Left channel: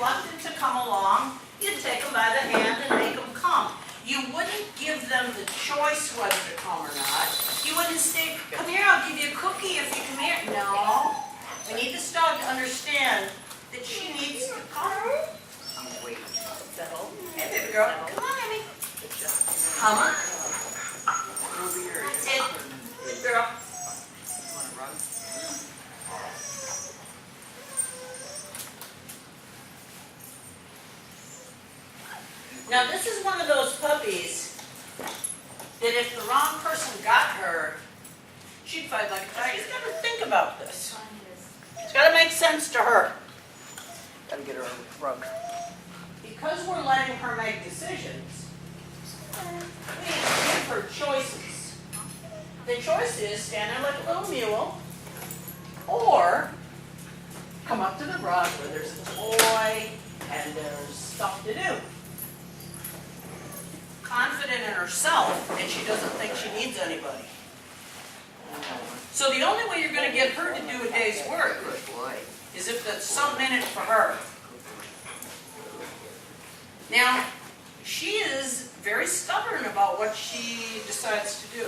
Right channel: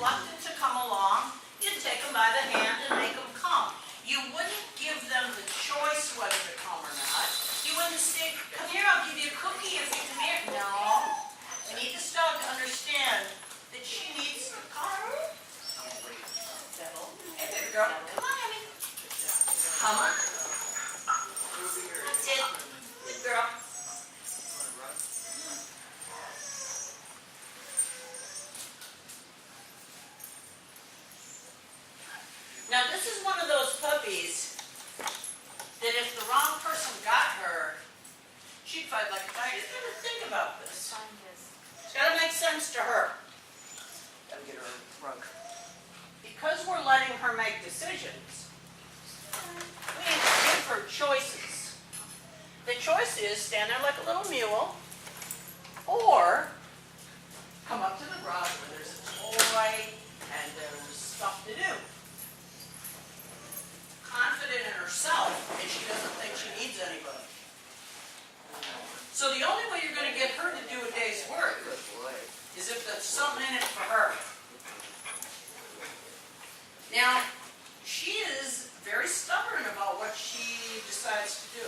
reluctant to come along, you'd take them by the hand and make them come. You wouldn't give them the choice whether to come or not. You wouldn't say, come here, I'll give you a cookie if you come here. No. We need this dog to understand that she needs to come. I'm going to wait. Hey, baby girl. Come on, Emmie. Come on. That's it. Good girl. Now this is one of those puppies that if the wrong person got her, she'd fight like a tiger. She's got to think about this. It's got to make sense to her. Got to get her a rug. Because we're letting her make decisions, we need to give her choices. The choice is stand there like a little mule, or come up to the rug where there's a toy and there's stuff to do. Confident in herself, and she doesn't think she needs anybody. So the only way you're going to get her to do a day's work is if there's something in it for her. Now, she is very stubborn about what she decides to do.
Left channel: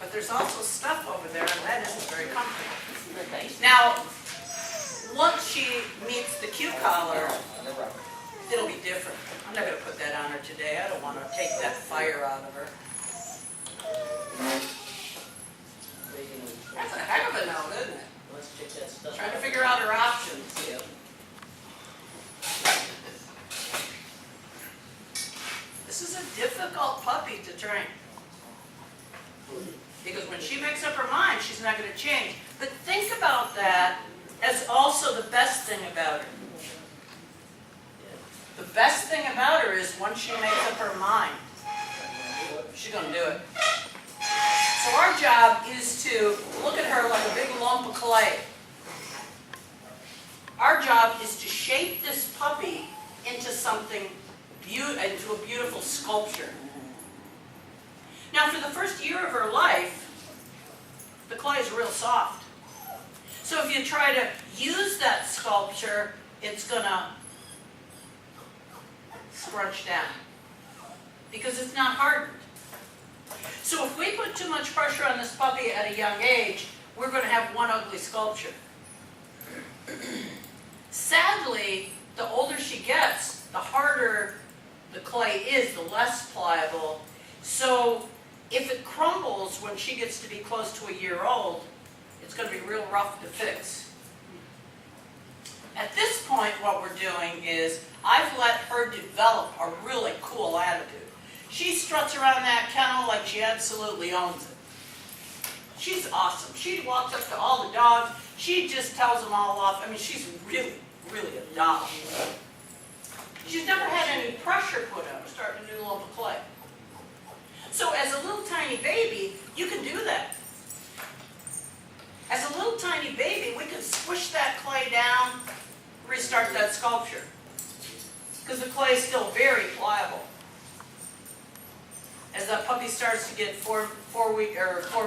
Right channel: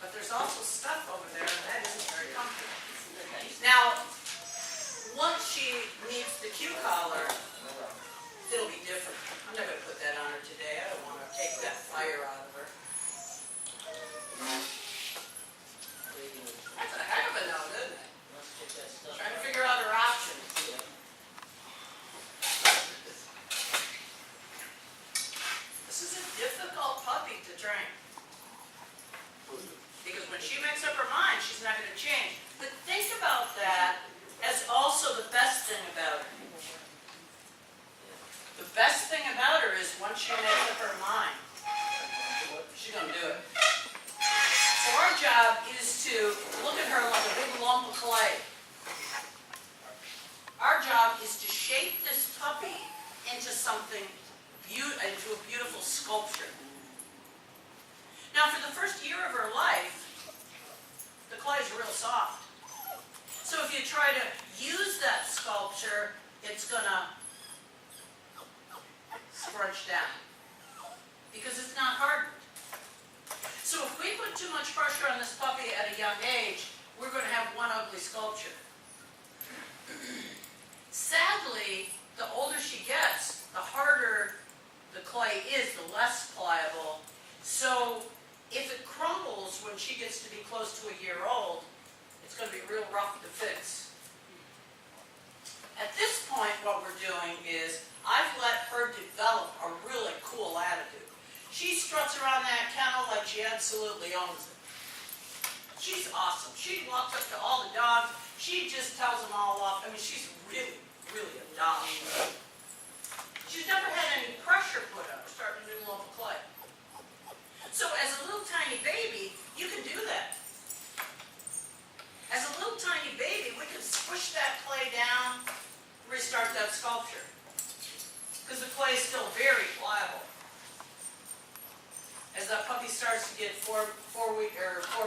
But there's also stuff over there, and that isn't very comfortable. Now, once she meets the cue collar, it'll be different. I'm not going to put that on her today. I don't want to take that fire out of her. That's a heck of a no, isn't it? Trying to figure out her options. This is a difficult puppy to train. Because when she makes up her mind, she's not going to change. But think about that as also the best thing about her. The best thing about her is once she makes up her mind, she's going to do it. So our job is to look at her like a big lump of clay. Our job is to shape this puppy into something, into a beautiful sculpture. Now for the first year of her life, the clay is real soft. So if you try to use that sculpture, it's going to scrunch down because it's not hardened. So if we put too much pressure on this puppy at a young age, we're going to have one ugly sculpture. Sadly, the older she gets, the harder the clay is, the less pliable. So if it crumbles when she gets to be close to a year old, it's going to be real rough to fix. At this point, what we're doing is I've let her develop a really cool attitude. She struts around that kennel like she absolutely owns it. She's awesome. She walks up to all the dogs. She just tells them all off. I mean, she's really, really a doll. She's never had any pressure put on her, starting a new lump of clay. So as a little tiny baby, you can do that. As a little tiny baby, we can squish that clay down, restart that sculpture. Because the clay is still very pliable. As that puppy starts to get 4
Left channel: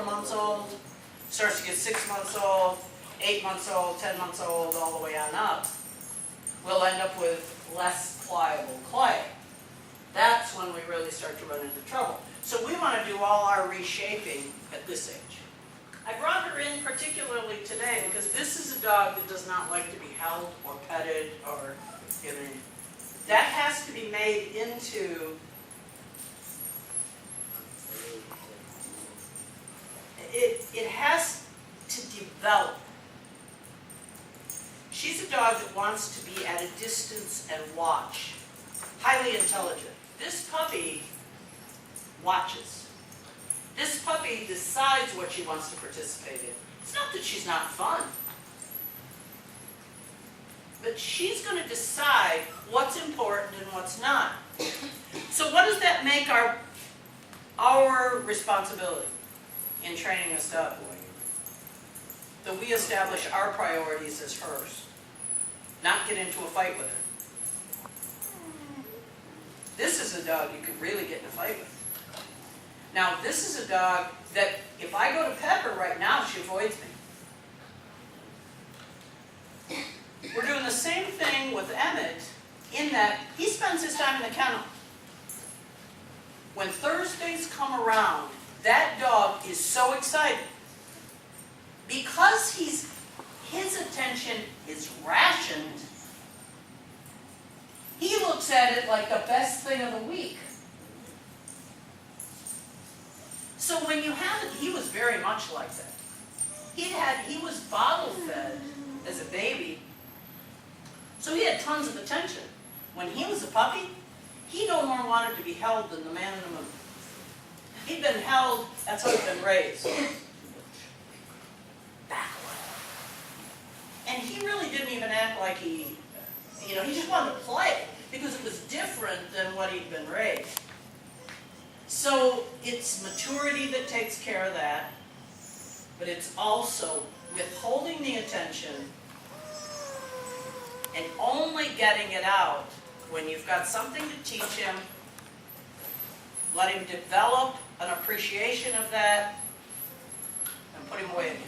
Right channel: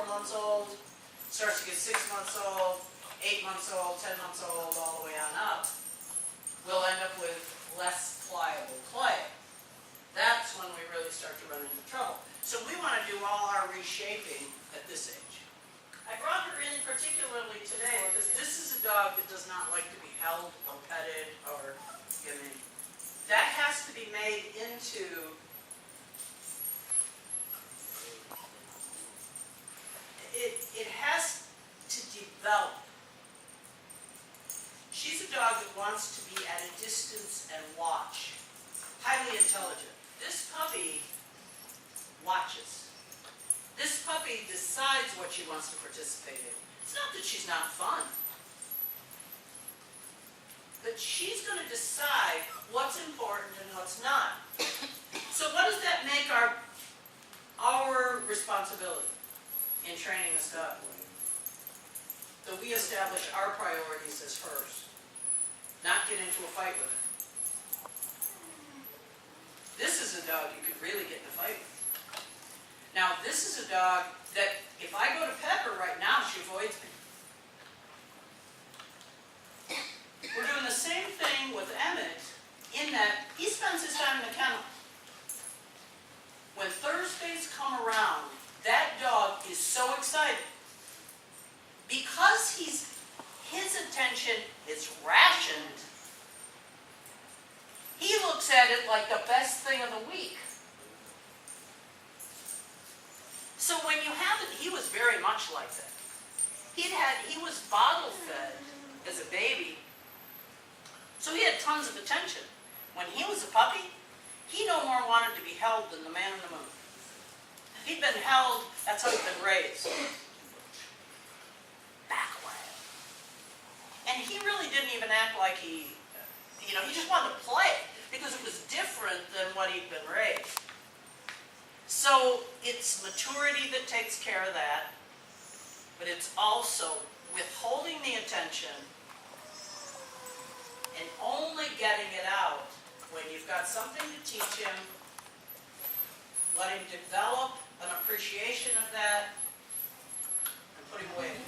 months old, starts to get 6 months old, 8 months old, 10 months old, all the way on up, we'll end up with less pliable clay. That's when we really start to run into trouble. So we want to do all our reshaping at this age. I brought her in particularly today because this is a dog that does not like to be held or petted or given. That has to be made into it has to develop. She's a dog that wants to be at a distance and watch. Highly intelligent. This puppy watches. This puppy decides what she wants to participate in. It's not that she's not fun. But she's going to decide what's important and what's not. So what does that make our responsibility in training this dog? That we establish our priorities as hers. Not get into a fight with her. This is a dog you could really get in a fight with. Now, this is a dog that if I go to pet her right now, she avoids me. because his attention is rationed, he looks at it like the best thing of the week. So when you have it, he was very much like that. He was bottle fed as a baby, so he had tons of attention. When he was a puppy, he no more wanted to be held than the man in the moon. He'd been held, that's how he'd been raised. Back away. And he really didn't even act like he just wanted to play because it was different than what he'd been raised. So it's maturity that takes care of that, but it's also withholding the attention and only getting it out when you've got something to teach him, let him develop an appreciation of that, and put him away again.